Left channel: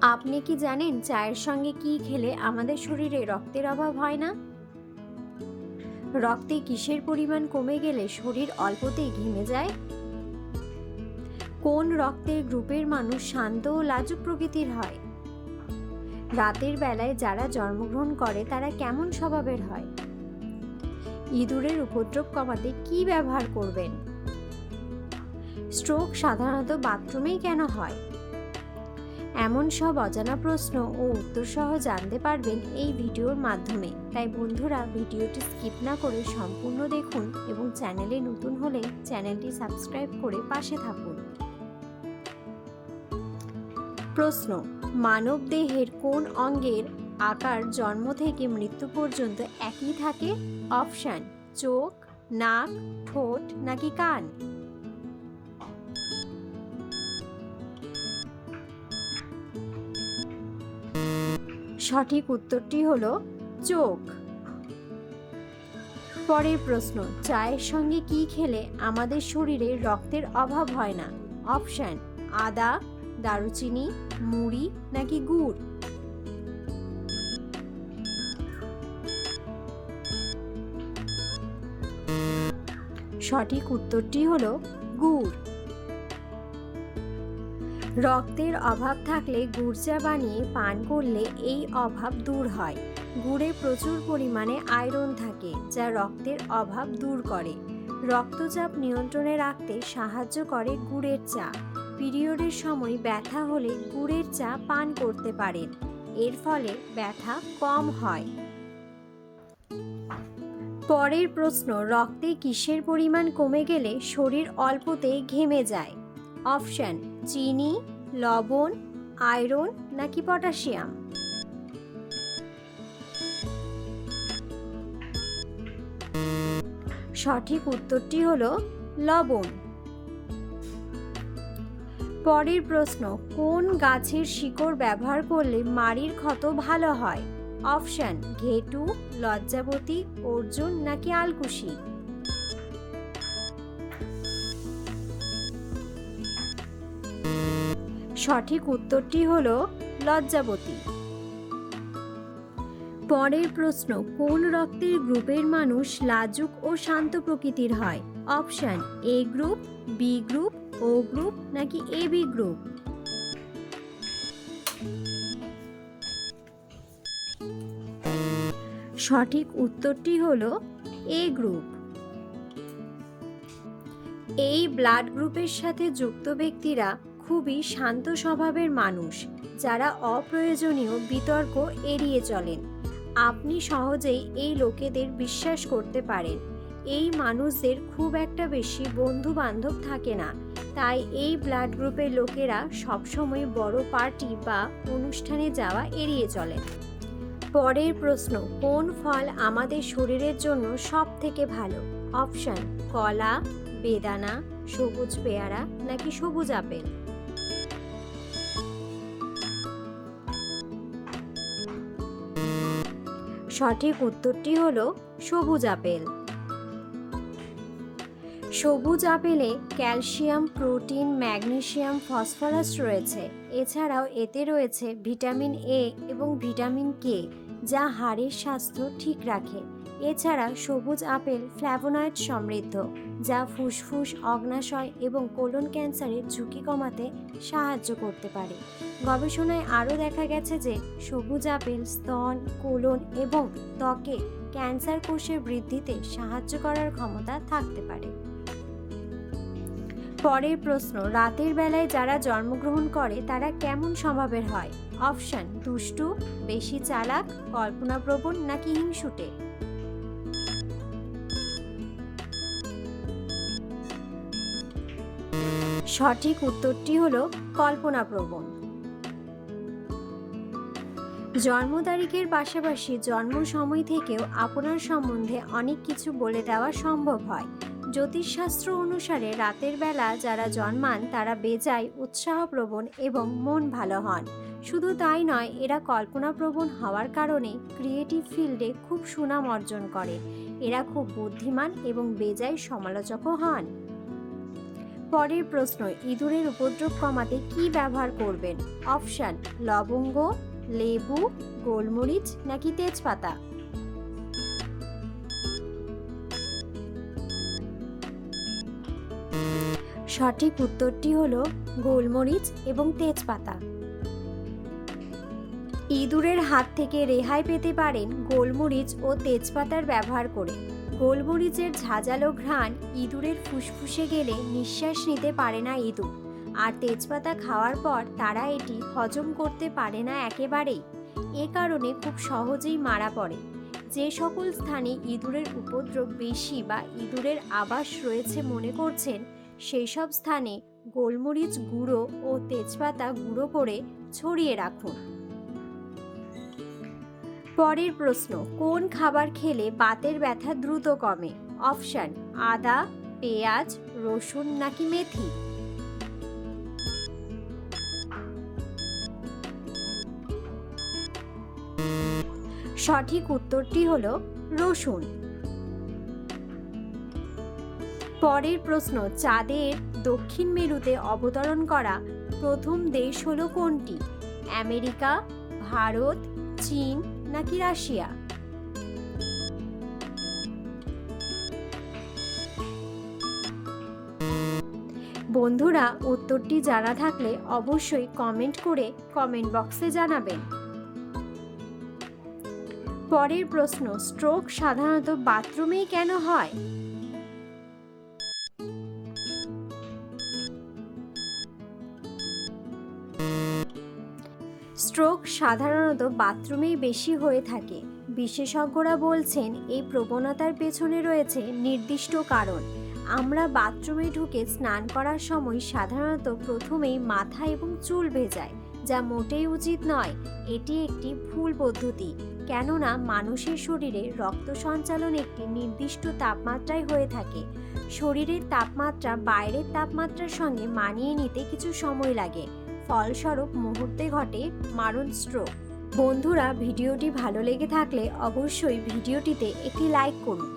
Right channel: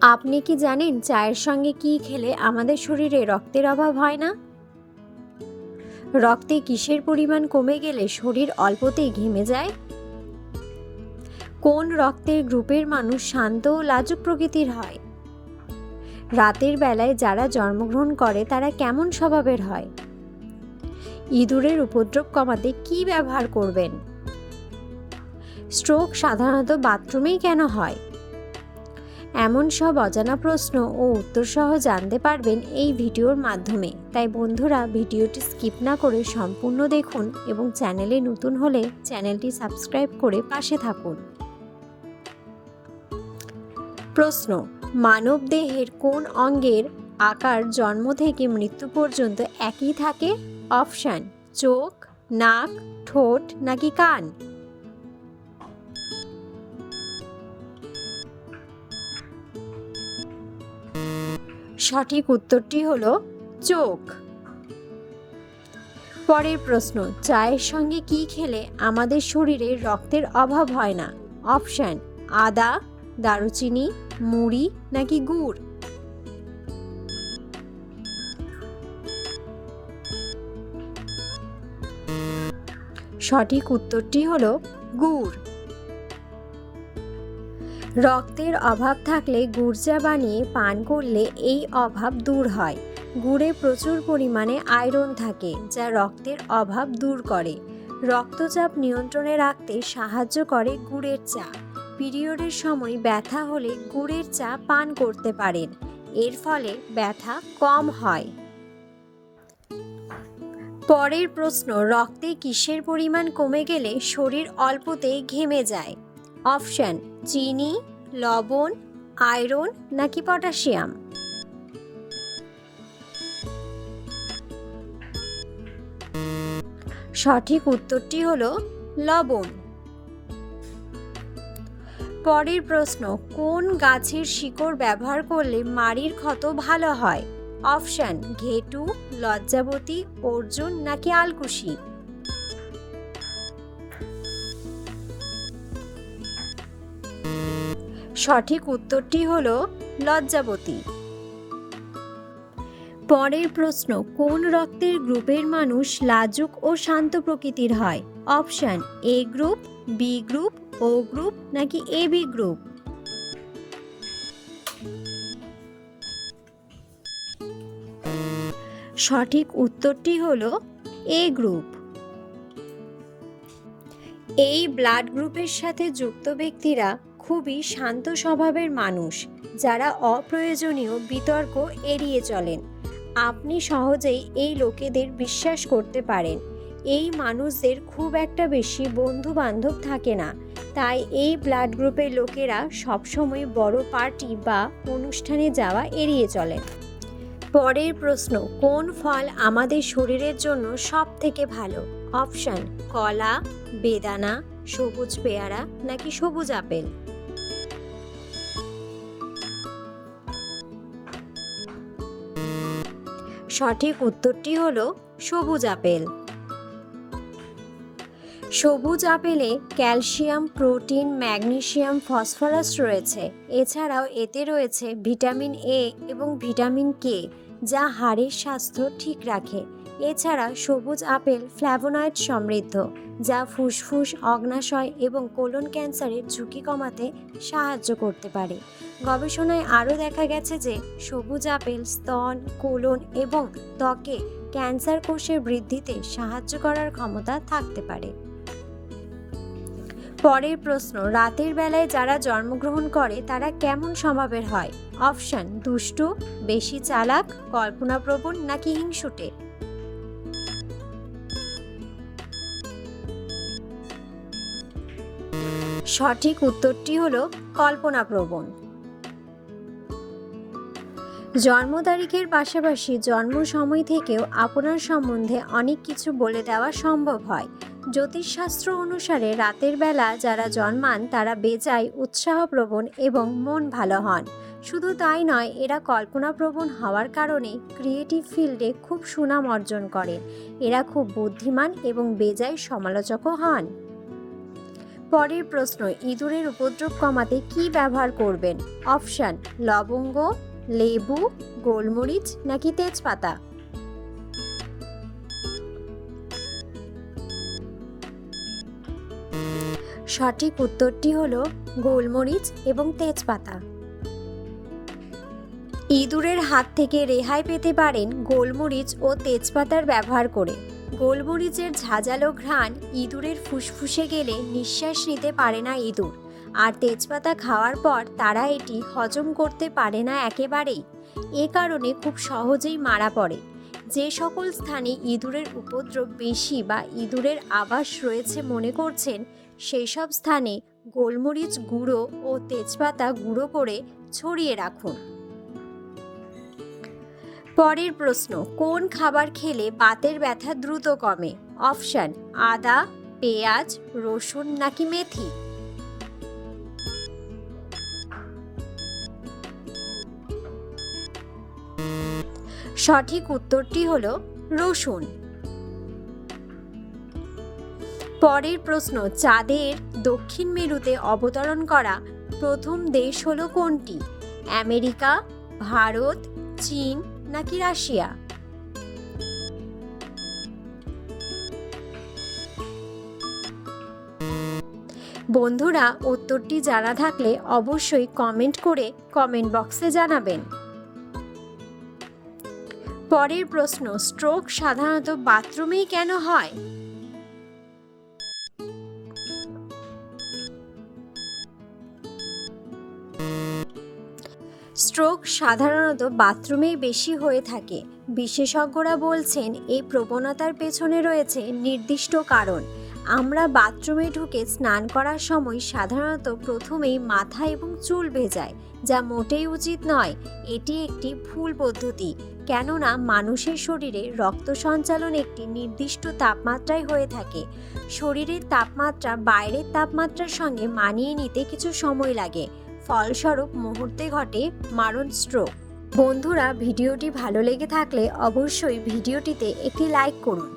আপনি কি জানেন চায়ের সঙ্গে কি খেলে আমাদের শরীরে রক্তের অভাব হয় না? রক্তে কিসের পরিমাণ কমে গেলে শরীর অল্পতেই ঘেমে যায়? কোন রক্তের গ্রুপের মানুষ শান্ত ও লাজুক প্রকৃতির হয়? রাতের বেলায় যারা জন্মগ্রহণ করে তারা কেমন স্বভাবের হয়? ইঁদুরের উপদ্রব কমাতে কি ব্যবহার করবেন? স্ট্রোক সাধারণত বাথরুমেই কেন হয়? এমন সব অজানা প্রশ্ন ও উত্তর সহ জানতে পারবেন এই ভিডিওর মাধ্যমে। তাই বন্ধুরা, ভিডিওটি স্কিপ না করে সম্পূর্ণ দেখুন এবং চ্যানেলে নতুন হলে চ্যানেলটি সাবস্ক্রাইব করে পাশে থাকুন। প্রশ্ন, মানব দেহের কোন অঙ্গের আকার জন্ম থেকে মৃত্যু পর্যন্ত একই থাকে? অপশান, চোখ, নাক, ঠোঁট নাকি কান? সঠিক উত্তরটি হল চোখ। পরের প্রশ্ন, চায়ের সঙ্গে কি খেলে আমাদের শরীরে রক্তের অভাব হয় না? অপশান, আদা, দারুচিনি, মুড়ি নাকি গুড়? সঠিক উত্তরটি হলো গুড়। রক্তের অভাব থাকলে চা বানিয়ে পান করলে এই অভাব দূর হয়। গুড়ে প্রচুর পরিমাণে আয়রন থাকে, যা রক্তের অভাব দূর করে। রক্তচাপ নিয়ন্ত্রণে রাখতে সাহায্য করে গুড়ের চা। পিরিয়ডের সময় ব্যথা হলে গুড়ের চা পান করতে পারেন, এর ফলে ব্যথা কম হয়। পরের প্রশ্ন, রক্তে কিসের পরিমাণ কমে গেলে শরীর অল্পতেই ঘেমে যায়? অপশন চিনি, লবণ, আয়রন নাকি পটাশিয়াম? সঠিক উত্তরটি হল লবণ। পরের প্রশ্ন, কোন গাছের শিকড় ব্যবহার করলে মাড়ির ক্ষত ভালো হয়? অপশন, ঘেটু, লজ্জাবতী, অর্জুন নাকি আলকুশি? সঠিক উত্তরটি হল লজ্জাবতী। পরের প্রশ্ন, কোন রক্তের গ্রুপের মানুষ লাজুক ও শান্ত প্রকৃতির হয়? Option, A group, B group, O group, নাকি এ, বি গ্রুপ? সঠিক উত্তরটি হল এ গ্রুপ। এই ব্লাড গ্রুপের সাথে যুক্ত ব্যক্তিরা খুবই শান্ত স্বভাবের মানুষ, যারা অপ্রয়োজনীয় বিতর্ক এড়িয়ে চলেন। আপনি সহজেই এই লোকেদের বিশ্বাস করতে পারেন। এই মানুষদের খুব একটা বেশি বন্ধু বান্ধব থাকে না। তাই এই ব্লাড গ্রুপের লোকেরা সবসময় বড় পার্টি বা অনুষ্ঠানে যাওয়া এড়িয়ে চলেন। পরের প্রশ্ন, কোন ফল আমাদের শরীরের জন্য সব থেকে ভালো? অপশন, কলা, বেদানা, সবুজ পেয়ারা নাকি সবুজ আপেল? সঠিক উত্তরটি হলো সবুজ আপেল। সবুজ আপেলে ক্যালসিয়াম, প্রোটিন, ম্যাগনেসিয়াম, ফসফরাস রয়েছে। এছাড়াও এতে রয়েছে ভিটামিন এ এবং ভিটামিন কে যা হাড়ের স্বাস্থ্য ঠিক রাখে। এছাড়া সবুজ আপেল ফ্ল্যাভোনয়েড সমৃদ্ধ, যা ফুসফুস, অগ্নাশয় এবং কোলন ক্যান্সারের ঝুঁকি কমাতে সাহায্য করতে পারে। গবেষণায় আরও দেখা গেছে যে সবুজ আপেল, স্তন, কোলন এবং ত্বকে ক্যান্সার কোষের বৃদ্ধিতে সাহায্য করার ক্ষমতা থাকতে পারে। পরের প্রশ্ন, রাতের বেলায় যারা জন্মগ্রহণ করে, তারা কেমন স্বভাবের হয়? অপশন, দুষ্টু, বেশি চালাক, কল্পনাপ্রবণ নাকি হিংসুটে? সঠিক উত্তরটি হলো কল্পনাপ্রবণ। জন্ম তারিখের পাশাপাশি জন্ম সময় থেকেও আপনার সম্বন্ধে অনেক কিছু বলে দেওয়া সম্ভব হয়। জ্যোতিষশাস্ত্র অনুসারে রাতের বেলা যারা জন্মান তারা বেজায় উৎসাহপ্রবণ এবং মন ভালো হন। শুধু তাই নয়, এরা কল্পনাপ্রবণ হওয়ার কারণে ক্রিয়েটিভ ফিল্ডে খুব সুনাম অর্জন করে। এরা খুব বুদ্ধিমান এবং বেজায় সমালোচকও হন। পরের প্রশ্ন, ইঁদুরের উপদ্রব কমাতে কি ব্যবহার করবেন? অপশান, লবঙ্গ, লেবু, গোলমরিচ নাকি তেজপাতা? সঠিক উত্তরটি হলো গোলমরিচ এবং তেজপাতা। ইঁদুরের হাত থেকে রেহাই পেতে পারেন গোলমরিচ ও তেজপাতার ব্যবহার করে। গোলমরিচের ঝাঁঝালো ঘ্রাণ ইঁদুরের ফুসফুসে গেলে নিঃশ্বাস নিতে পারে না ইঁদুর। আর তেজপাতা খাওয়ার পর তারা এটি হজম করতে পারে না একেবারেই। এ কারণে খুব সহজেই মারা পড়ে। যে সকল স্থানে ইঁদুরের উপদ্রব বেশি বা ইঁদুরের আবাস রয়েছে মনে করছেন, সেই সব স্থানে গোলমরিচ গুঁড়ো ও তেজপাতা গুঁড়ো করে ছড়িয়ে রাখুন। পরের প্রশ্ন, কোন খাবার খেলে বাতের ব্যথা দ্রুত কমে? অপশান, আদা, পেঁয়াজ, রসুন নাকি মেথি? সঠিক উত্তরটি হলো রসুন। পরের প্রশ্ন, চাঁদের দক্ষিণ মেরুতে অবতরণ করা প্রথম দেশ হলো কোনটি? আমেরিকা, ভারত, চীন নাকি রাশিয়া? বন্ধুরা, উত্তরটি জানা থাকলে অবশ্যই কমেন্ট করে কমেন্ট বক্সে জানাবেন। পরের প্রশ্ন স্ট্রোক সাধারণত বাথরুমেই কেন হয়? স্ট্রোক সাধারণত বাথরুমেই বেশি হয়ে থাকে। বিশেষজ্ঞরা বলছেন, এই প্রবণতার পেছনে রয়েছে নির্দিষ্ট কারণ। আমরা বাথরুমে ঢুকে স্নান করার সময় সাধারণত প্রথমেই মাথা এবং চুল ভেজায় যা মোটেই উচিত নয়। এটি একটি ভুল পদ্ধতি, কেননা মানুষের শরীরে রক্ত সঞ্চালন একটি নির্দিষ্ট তাপমাত্রায় হয়ে থাকে। শরীরের তাপমাত্রা বাইরের তাপমাত্রার সঙ্গে মানিয়ে নিতে কিছু সময় লাগে। ফলস্বরূপ মুহূর্তে ঘটে মারণ স্ট্রোক বন্ধুরা, ভিডিওটি ভালো লেগে থাকলে অবশ্যই ভিডিওটিতে একটি লাইক করুন।